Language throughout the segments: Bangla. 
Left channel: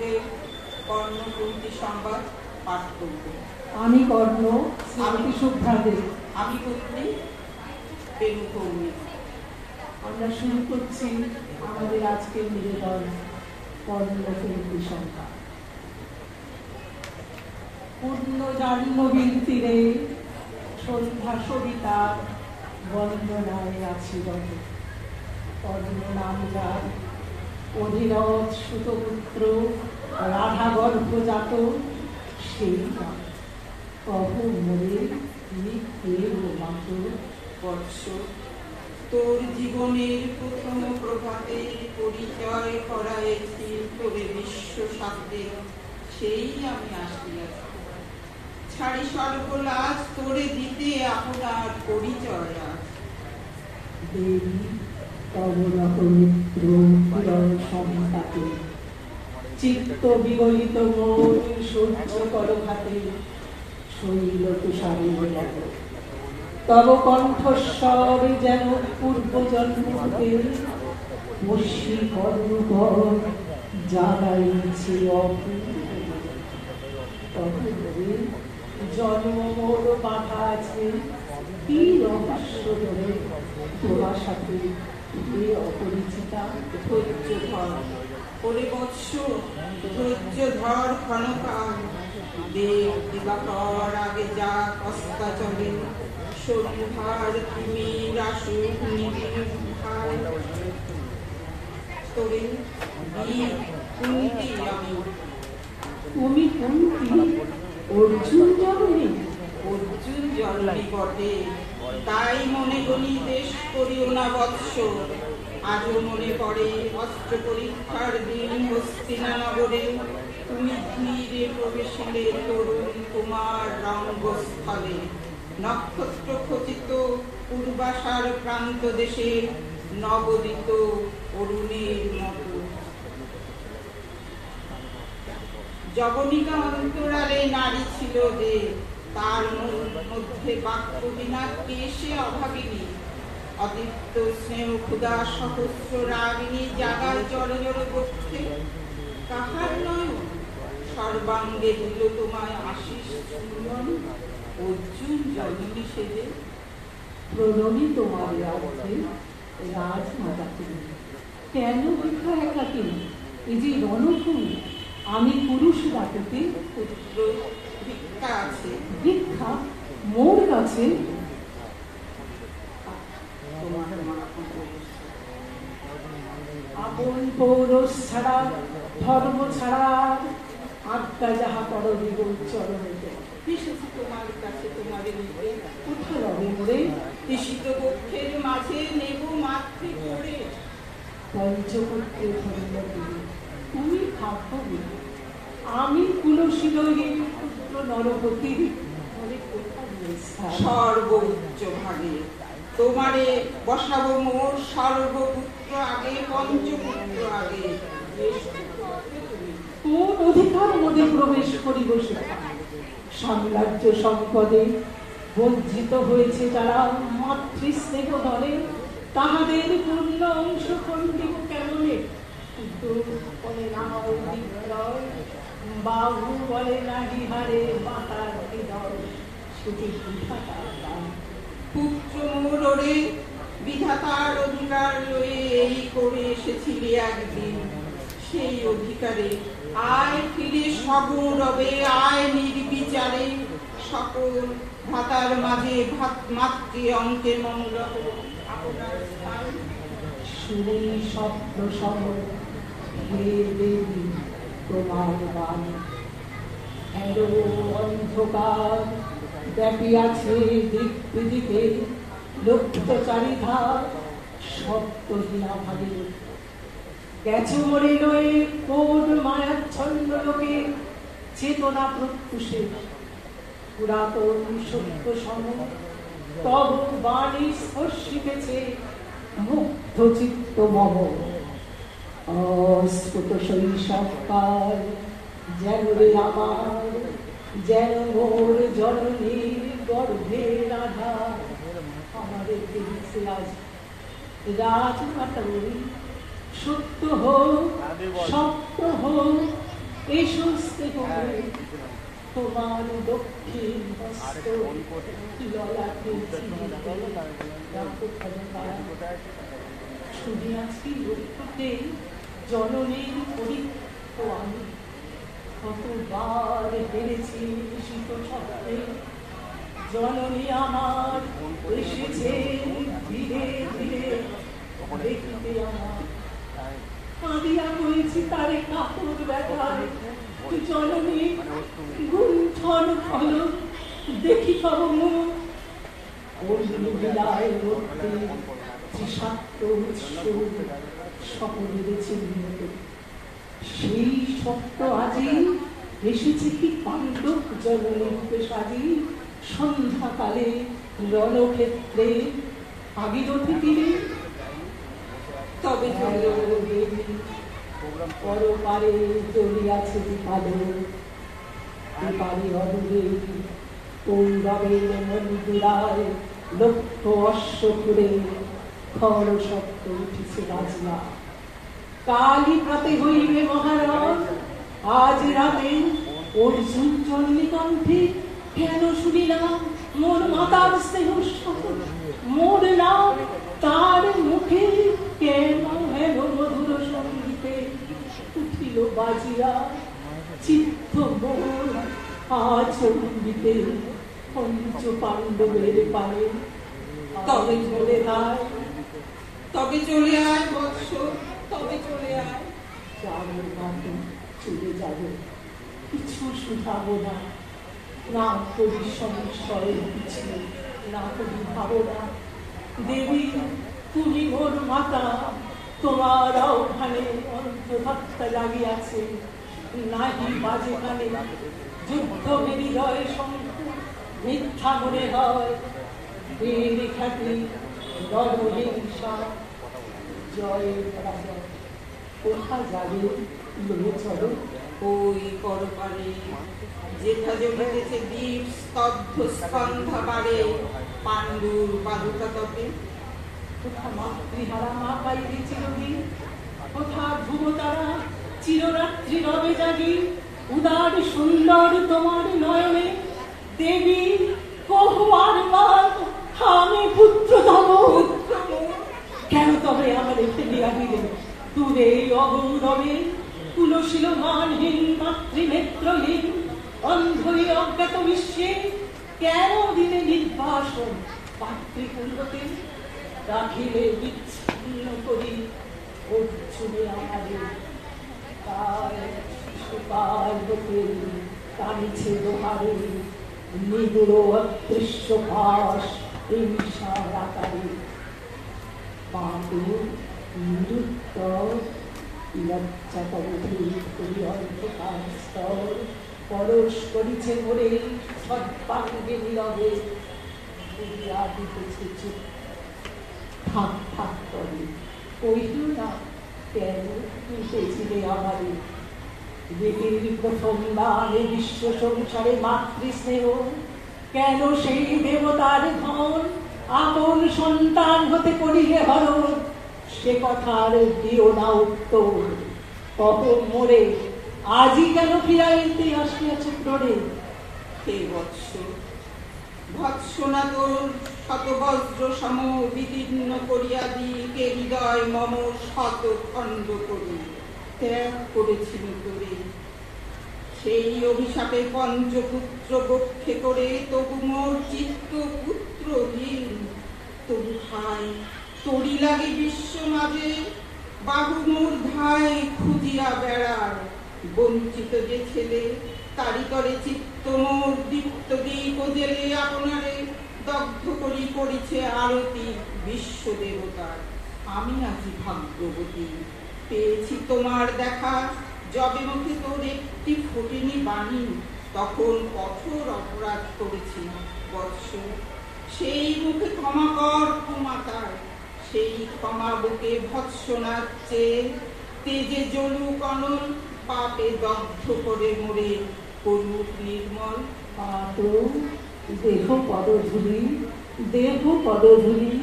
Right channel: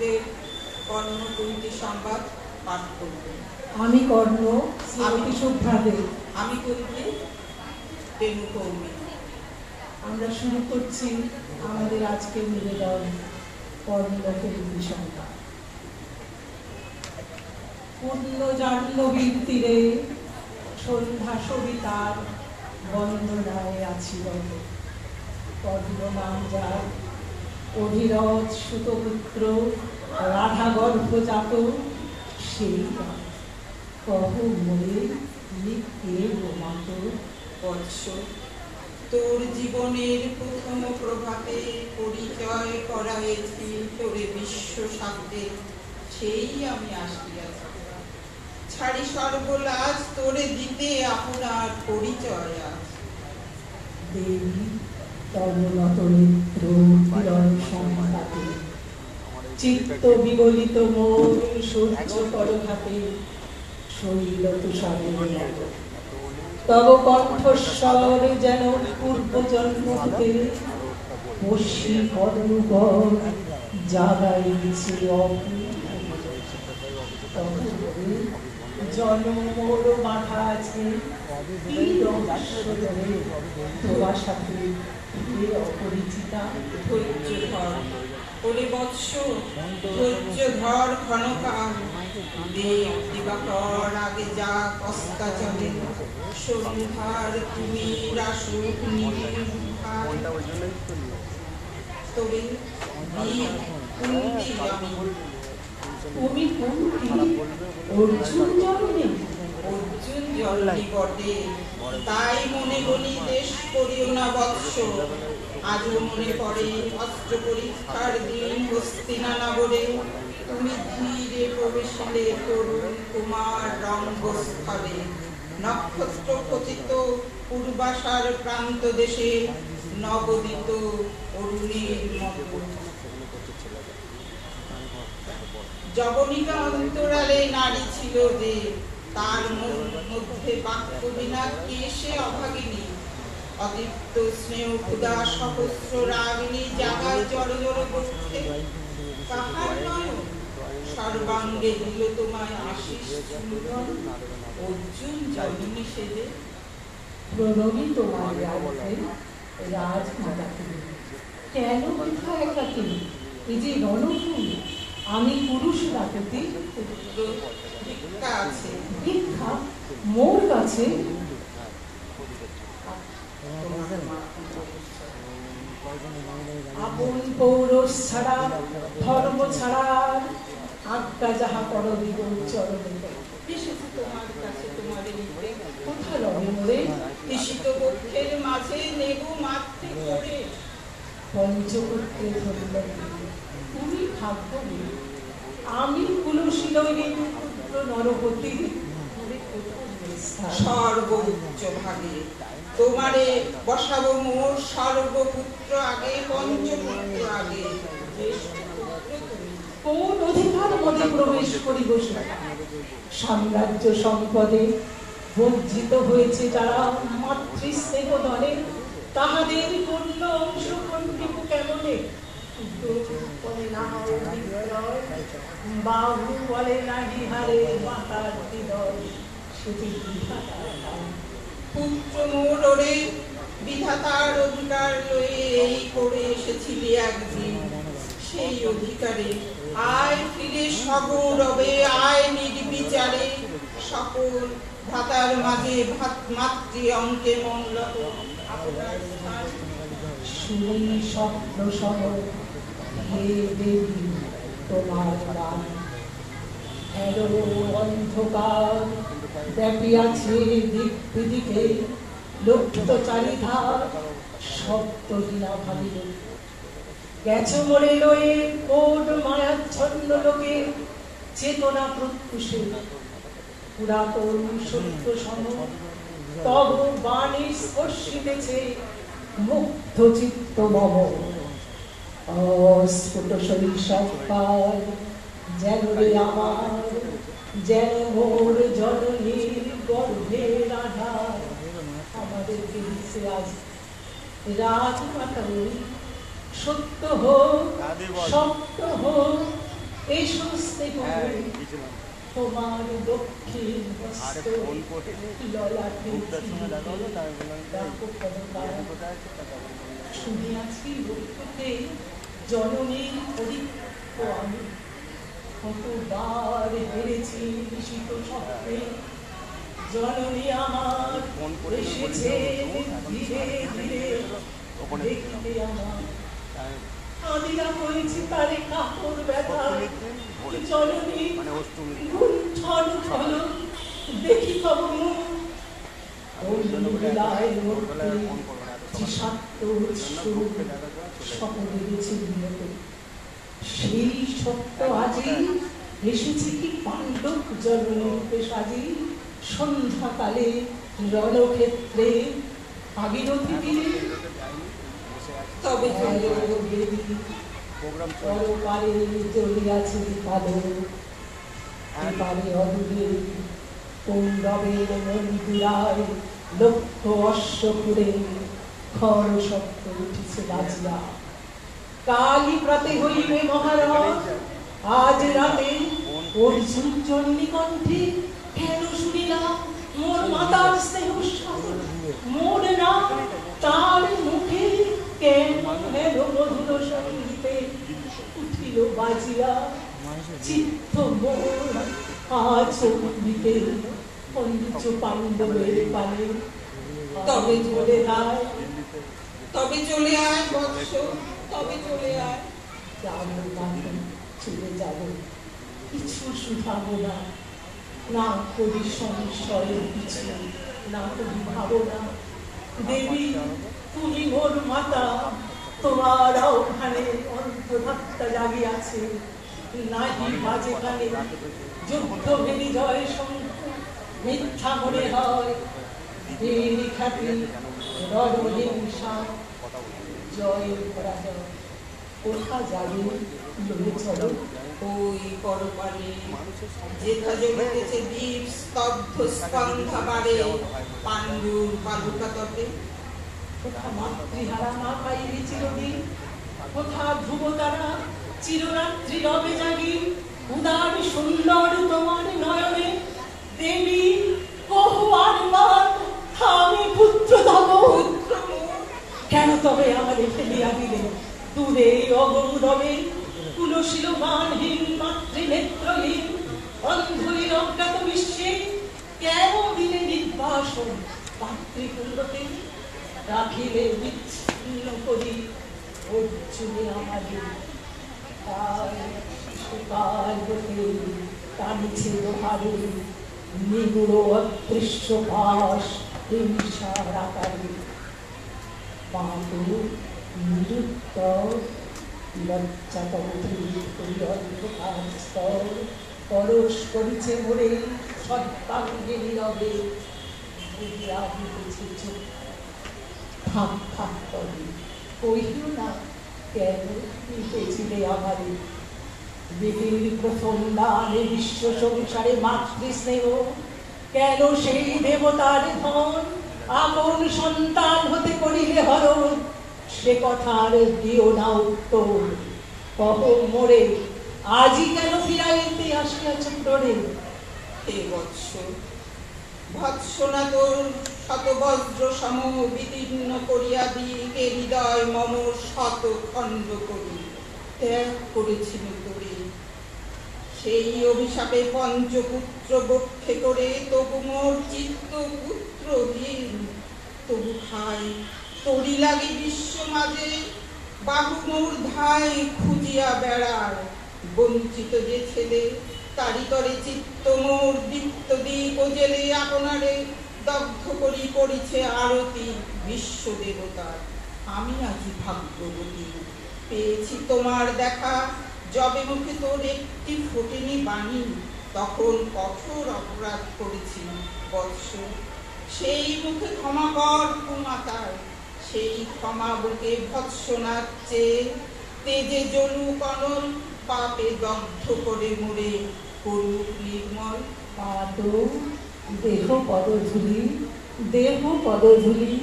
ঠাকুরের কর্ণকুন্তি সংবাদ পাঠ করব। আমি কর্ণ শ্রীমতী শুভ্রাদে। আমি কর্মী বেনু কর্মী। আমরা শুরু করছি আমাদের আজকের নিবেদন কর্ণকুন্তি সংবাদ। পূর্ণ জাহ্নবীর তীরে সন্ধ্যা সবিতার বন্দনায় আছি রবে। কর্ণ নাম যার অধিরথ সুতপুত্র রাধা গর্ভজাত, সেই কহ মোরে তিনি কে মাত। বৎস, তোর জীবনের প্রথম প্রভাতে পরিচয় করাইছি তোরে বিশ্ব সাথে, সেই আমি আসিয়াছি। ছাড়ি সর্বলাজ তোরে দিতে আপনার পরিচয় আজ। দেবী তরুণত মিত্র কিরণ সংঘাতে, চিত্ত বিগলিত মোর সূর্য করঘাতে, শৈল তুষারে তব কণ্ঠস্বর যেন পূর্ব জন্মতে, বর্ষি কর্ণগণ জাগাইছে অপূর্ব। জন্ম মোর মাথা আছে কি রহস্য ধরে, তোমার সাথে অপরিচিতা। ধৈর্য ধর ওরে বৎস, ধৈর্য ধর ক্ষণকাল। দেব দিবাকর আগে যা কস্তা চলে, সন্ধ্যার তুমি রাসুক নিবিড় তোরে বীর কুন্তি আমি। তুমি কুন্তি অর্জুন জন্মে? অর্জুন জন্মে বটে, তাই মনে বলি দেশ করিও না বৎস। আজও মনে পড়ে অস্ত্র পরীক্ষার দিন হস্তিনা নগরে, তুমি ধীরে প্রবেশিলে তরুণ কুমার রঙ্গস্থলে। নক্ষত্র খচিত পূর্বাশার প্রান্ত দেশে, নবদিত অরুণের মতো। জবনিকা অন্তরালে নারী ছিল যে, তার মধ্যে বাক্য বিনা কেশে অভাগিনী। অদীপ্ত স্নেহ ক্ষুধা সহস্র রাগিনী, জাগায় জড় জড় বক্ষে কাহার নয়ন। সর্বাঙ্গে দিল তোমায় আশিস চুম্বন, অর্জুন জননী সেজে। প্রণবী তোমার রাজ্যে রাজমাতাকে, কেন বৃথা একাকে? এই যে রণভূমি, আমি পুরুষ ডাকতে। পুত্র ভিক্ষা আছে। ভিক্ষা মোর কাছে? আপন পৌরষ ছাড়া ধর্ম ছাড়ার আজ্ঞা যাহা কর বিগত চরণে। এসেছি তোমার কাছে তোমাদের নিতে, কোথা রবে মোরে? ঈশিত বক্ষের মাঝে নেব মাতৃ করে। পঞ্চপুত্রে ধন্য তুমি ভাগ্যবী, আমি কুলশীলের পুত্র নরপতি। সর্ব উচ্চ ভাগে তোমারে বসাবো মোর সর্বপুত্র আগে, পঞ্চপুত্র আগে। কোন অধিকার মধ্যে প্রবেশ করি বসে? সাম্রাজ্য সম্পদে বঞ্চিত হয়েছে যারা মাতৃস্নেহ দলে, তাহাদের পূর্ণ অংশ খণ্ডিত কেমনে? বলে না বাহু বলে না বিহারে মাতার হৃদয়, সেটি পুত্র মোর ওরে বিধাতার অধিকার লয়ে এই করে এসেছিলি একদিন। সেই অধিকারে আয় ফিরে সগৌরবে, আয় নির্বিচারে। সকল ভাতার মাঝে মাতৃ অঙ্কে মঙ্গল আপনার স্থান। শুনে স্বপ্ন সহ হে দেবী তোমার গান। অন্ধকার ব্যাপিয়াছে দিক দিকে, লক্ষ্য চারিধার সপ্তহীনা ভাবে। গেছ মরে রয়ে কোন মায়াচ্ছন্ন লোকে, চেতনা প্রত্যুষে পুরাতন সত্য সম। তব বাণী স্পর্শিতেছে মুগ্ধ চিত্ত মম। অস্ফুট শৈশবকাল যেন রে আমার, যেন মোর জননীর গর্ভের আধার। আমাদেরকে দিচ্ছে আজ রাজমাতা, সত্য হোক সত্য হোক এসো স্নেহ তোমার দক্ষিণ হস্ত ললাটে চিনিতে রাখো পদবার। শুনিয়াছি লক্ষ্যতে জননীর পরীক্ষ আমি, কতবার হেরেছি শীত সত্ত্বে। জননী আমার এসেছেন ধীরে ধীরে দেখিতে আমার, কাঁদিয়া হয়েছি তারে কাপড় ব্যথা। জননী গুণ্ঠন ফল দেখি তব মুখ, ওই বিদায়ের মধ্যে তৃষাক্ত সুর সকলের চিহ্ন। সেই সত্য আজি এসেছে কি পাণ্ডব জননীরূপে সাজি। সন্ধ্যাকালে রণক্ষেত্রে ভাগীরথী তীরে তবে দেবী পরপারে চলিয়াছে বিপাদে। এপারে অদূরে কৌরবের মন্দিরায় লক্ষ অশ্ব করে খর শব্দ উঠেছে বাজিয়া। কালী প্রতি হইবে মহারথ, আজ রাতে অর্জুন চণ্ডী কণ্ঠে কেন শুনিলাম মোর মাতার স্নেহ মোর নাম তার মুখে কেন হেন মধুর সঙ্গীতে উঠিল বাজিয়া। চিত্ত মোর আচম্বিতে পঞ্চ পাণ্ডবের পানে। তবে চলে আয়, তবে চলে আয় বৎস, তবে চলে আয়। চলে যাবে কিছু শুধাবো না, না কবি সংশয়ের পিছু, না কবি ভাবনা। দেবী তুমি মোর মাতা, তোমার ওখানে অন্তরাত্মা জাগিয়াছে। নাহি বাজে কানে যুদ্ধ বিনিদয় শঙ্খ, মিথ্যা মনে হয় বীর খ্যাতি রণহিংসা জয় পরাজয়। কোথা যাবে লো চলো ওই পরপারে যেথা জমিতেছে দ্বীপ স্তব্ধ স্কন্ধাবারে, পাণ্ডুর পাদুকা তপে। কোথা মাতৃহারা মা পাইবে চিরদিন, কোথা ধ্রুব তারা চিররাত্রি রবে জাগি। উদার সুন্দর তোমার নয়নে দেবী কহু আর নাম, আমি পুত্র তব। কেন তবে আমাদের ফেলিয়া দিলে দূরে অগৌরবে? তুলসীল গানহীন মাতৃনেত্রহীন অন্ধই অজ্ঞাত বিশ্বে কেন দিলে নির্বাসন মাতৃকুণ্ডতে? রাখিলে বিচ্ছিন্ন করি অর্জুনের আঘাতে। টানিছে লোহারে নিগুড় অদৃশ্য ভাস হিংসার আকারে। বাঁধু নিরুক্ত পরশ করিছে মোরে সর্বাঙ্গে নীরবে। থাক থাক করে কহিল না কেন পেয়েছিলে আমারে। দেবীর প্রথম দানে বিশ্ব সংসারে মাতৃস্নেহ, কেন সেই দেবতার ধন আপন সন্তান হতে করিলে হরণ? সে কথার দিও না উত্তর, তখন মোরে আজই কেন ফিরাইতে আসিয়াছে তোরে? হে বৎস, ভৎসনা তোর শতবজ্র সম বিদীর্ণ করিয়া দিকে হৃদয় মম শত খণ্ড করি ত্যাগ করেছিল তোরে। সেই অভিশাপে পঞ্চপুত্র বক্ষে করে তবু মোর চিত্ত পুত্রহীন। তবু খাই তরি লাগে বিশ্ব মাঝে, বাহু মোর ধায় খুঁজিয়া বেড়ার। বঞ্চিত যে ছেলে তারি তরে চিত্ত মোর দীপ্ত দিক জেলে আপনারে দগ্ধ করি করিছে আরতি বিশ্ব দেবতার। আমি আজি ভাগ্যবতী পেয়েছি তোমার দেখা, যবে মুখে তোর একটি ফোটেনি বাণী তখন কঠোর অপরাধ করেছি বৎস। সেই মুখে ক্ষমা কর কুমাতার, সেই ক্ষমা বুকে ভৎসনার চেয়ে তেজে জলুক অনল, পাপে দগ্ধ করে মোরে করুক নির্মল। দেহ পদধূলি, দেহ পদধূলি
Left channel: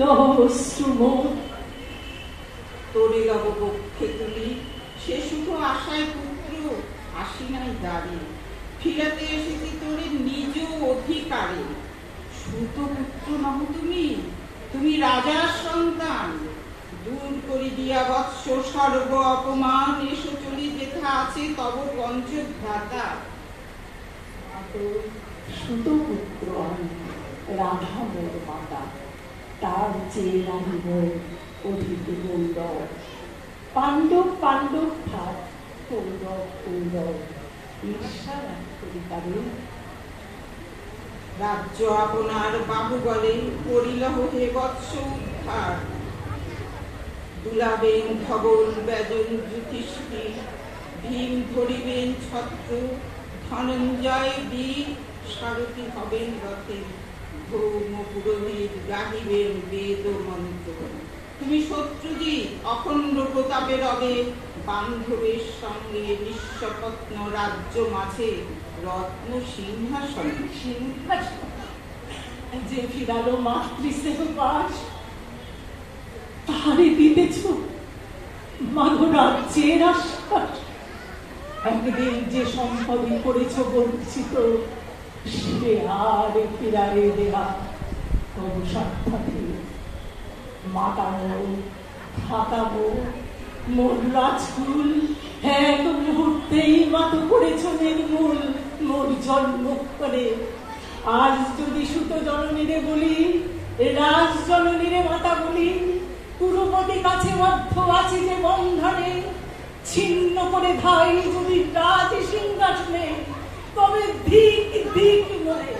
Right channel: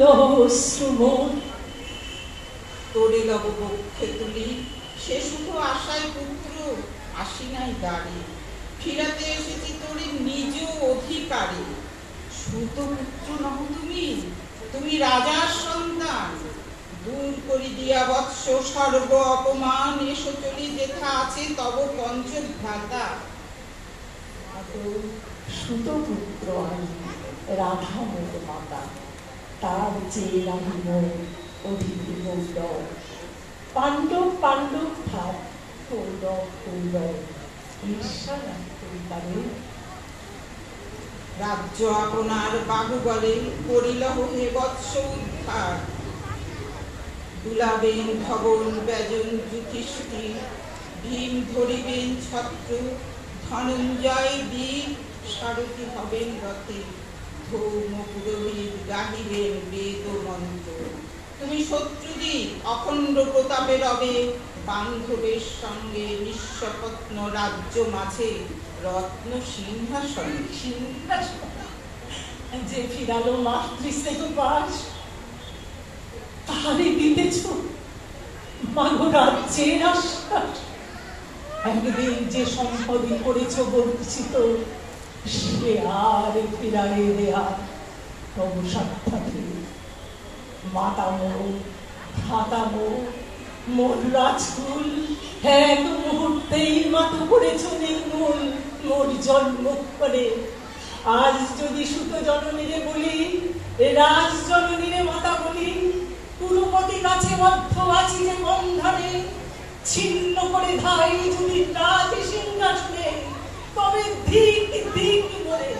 লহশ্রুম তোরে লব বক্ষে তুলি সে শুধু আশায় পুত্র আসি নাই দাঁড়ি, ফিরাতে এসেছি তোর নিজ অধিকারে। সুত পুত্র নহ তুমি, তুমি রাজার সন্তান, দূর করি দিয়া বৎস সর্ব অপমান, এসো চলি যেথা আছে তব পঞ্চভ্রাতা। সুতপুত্র রাধা মোর মাতা, তার চেয়ে রহিব অধিক গৌরব। পাণ্ডব পাণ্ডব ভাব, কৌরব কৌরব, ঈর্ষা না করি পারে। রাজ্য আপনার বাহুবলে করিলহ হে বৎস উদ্ধার, দুলাবেন ধবল ব্যজন যুধিষ্ঠির, ভীম ধরিবেন ছত্র, ধনঞ্জয় বীর, সারথি হবেন রথে, ধৌম পুরোহিত গাহিবেন বেদ মন্ত্র। তুমি শত্রুজিৎ অখণ্ড প্রতাপে রবে, বান্ধবের সঙ্গে নিঃস্বপ্ন রাজ্য মাঝে রত্ন সিংহাসন। যে ফিরালো মাতৃস্নেহ পাশ, তাহারে দিতেছ মানো রাজ্যের আশ্বাস। একদিন যে সম্পদই করেছ বঞ্চিত, সে আর ফিরারে দেয়া তবু সাক্ষাৎ। মাতামো খাতামো মোর রাজকুল, এক মুহূর্তেই মাত করেছ নির্মূল মোর জন্মক্ষণে। আজ যদি সুত জননীরে বলি, রাজ জননীরে মাতা বলি, পুরপতি কাছে বদ্ধ আছে যে বন্ধনে, ছিন্ন করে ধাই যদি রাজ সিংহাসনে, তবে ধিক ধিক মরে।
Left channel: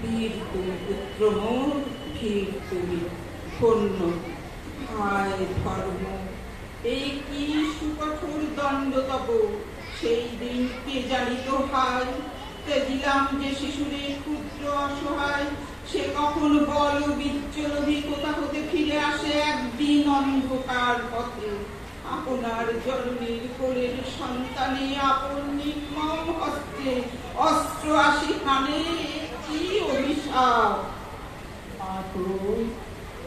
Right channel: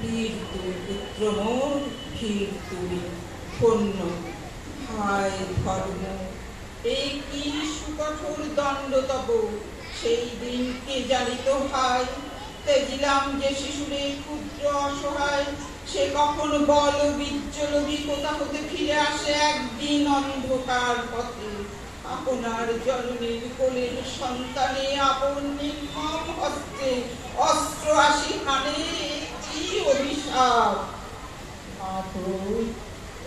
বীর তুমি পুত্র মোর, ভীর তুমি ধন্য, হায় ধর্ম এই কি সুকঠোর দণ্ড তব। সেই দিন কে জানিত হায়, তেজিলাম যে শিশুরে ক্ষুদ্র অসহায়, সে কখন বল বিচ্ছলভি কোথা হতে ফিরে আসে একদিন অন্ধকার পথে। আপনার জননীর কোলের সন্তানে আপন নির্মম হস্তে অস্ত্র আসি হানে, কি অভিশাপ।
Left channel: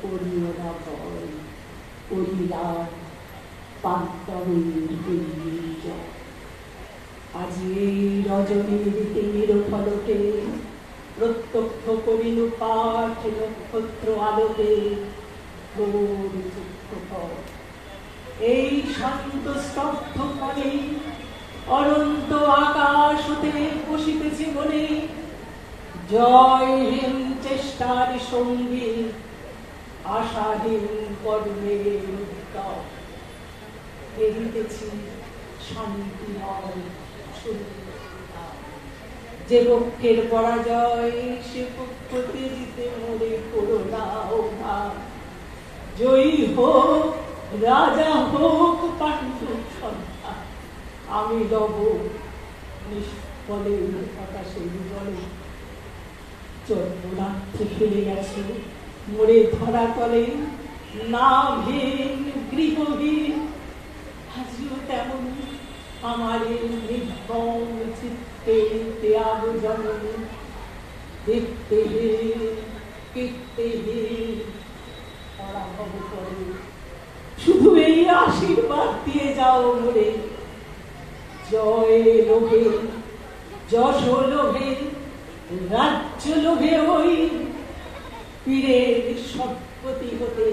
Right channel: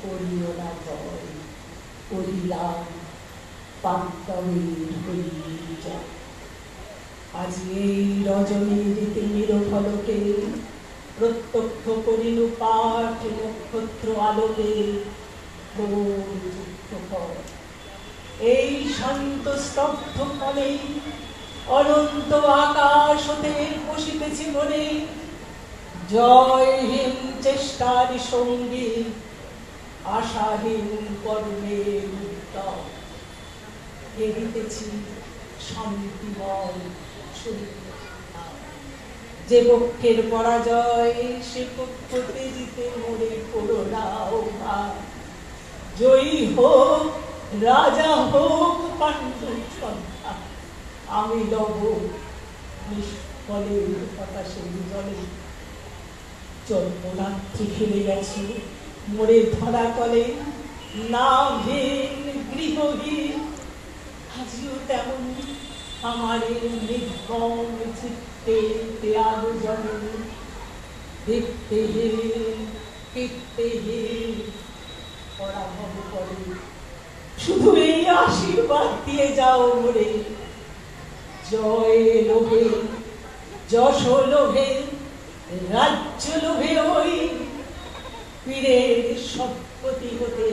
করিও না ভয়, করিলাম পান্তা হইয়ে যা। আজ এই রজনীর তিমির ফলকে প্রত্যক্ষ করিল পাঠ নক্ষত্র আলোকে। এই শান্ত স্তব্ধ ফলে অনন্ত আকাশ হতে বসিতেছে মনে, জয়হীন চেষ্টার সঙ্গী আশাহীন কর্মের উদ্যম। ফেরিতেছি শান্তিময় শরীর, যে পক্ষের পরাজয় সে পক্ষকে জিতে মরে করোনা অভাব। জয়ী হোক রাজা হোক পাণ্ডব সন্তান, আমি লব নিষ্ফলে হতাশে জলে। জন্মরাত্রি খেলে গেছে মরে ধরা তলে, নাভীন গৃহহীন আজিও তেমনি আমার নির্গম চিত্তে ত্যাগ জননী। দেখতেহীন কীর্তিহীন পরাভব করে, শুধু এই আশীর্বাদ দিয়ে যাও মোরে। জয় লোভে যশ লোভে রাজ্য লোভে হই, পীরের সৎপতি হতে।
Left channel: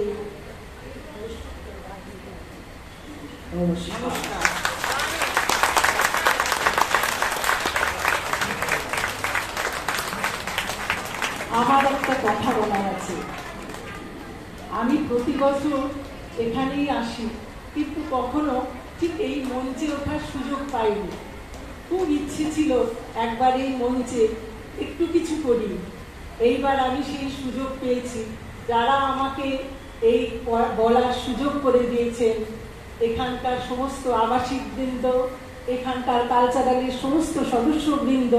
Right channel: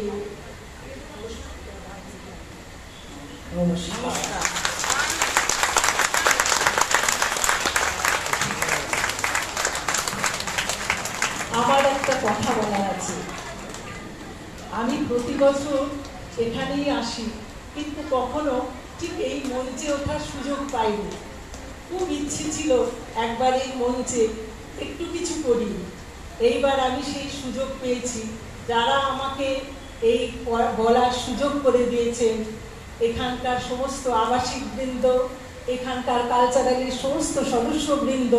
নমস্কার। আমার একটা কথা বলার আছে। আমি প্রতি বছর এখানেই আসি, কিন্তু কখনো ঠিক এই মঞ্চে ওঠার সুযোগ পাইনি। খুব ইচ্ছে ছিল একবার এই মঞ্চে একটু কিছু করি। এইবার আমি সেই সুযোগ পেয়েছি। যারা আমাকে এই বলার সুযোগ করে দিয়েছেন, এখানকার সমস্ত আবাসিক বৃন্দ, এখানকার কালচারালের সমস্ত সদস্যবৃন্দ,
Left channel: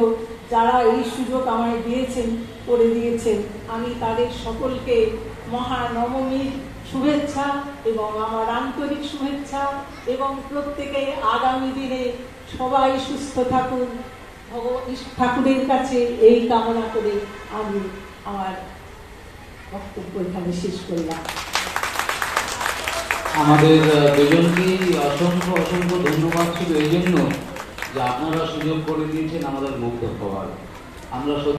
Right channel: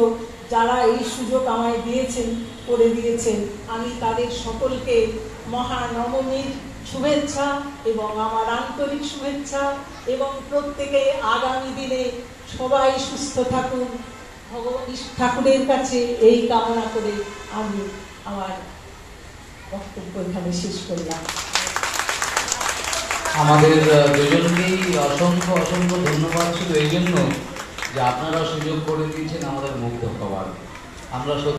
যারা এই সুযোগ আমায় দিয়েছেন, করে দিয়েছেন, আমি তাদের সকলকে মহানবমীর শুভেচ্ছা এবং আমার আন্তরিক শুভেচ্ছা, এবং প্রত্যেকে আগামী দিনে সবাই সুস্থ থাকুন, ঠাকুরের কাছে এই কামনা করে আমি আমার বক্তব্য এখানে শেষ করলাম। আমাদের দুজনকেই অসংখ্য অসংখ্য ধন্যবাদ শুধু এই জন্য যে আপনারা সুযোগ করে দিয়েছেন আমাদের মুক্ত হওয়ার। আমরা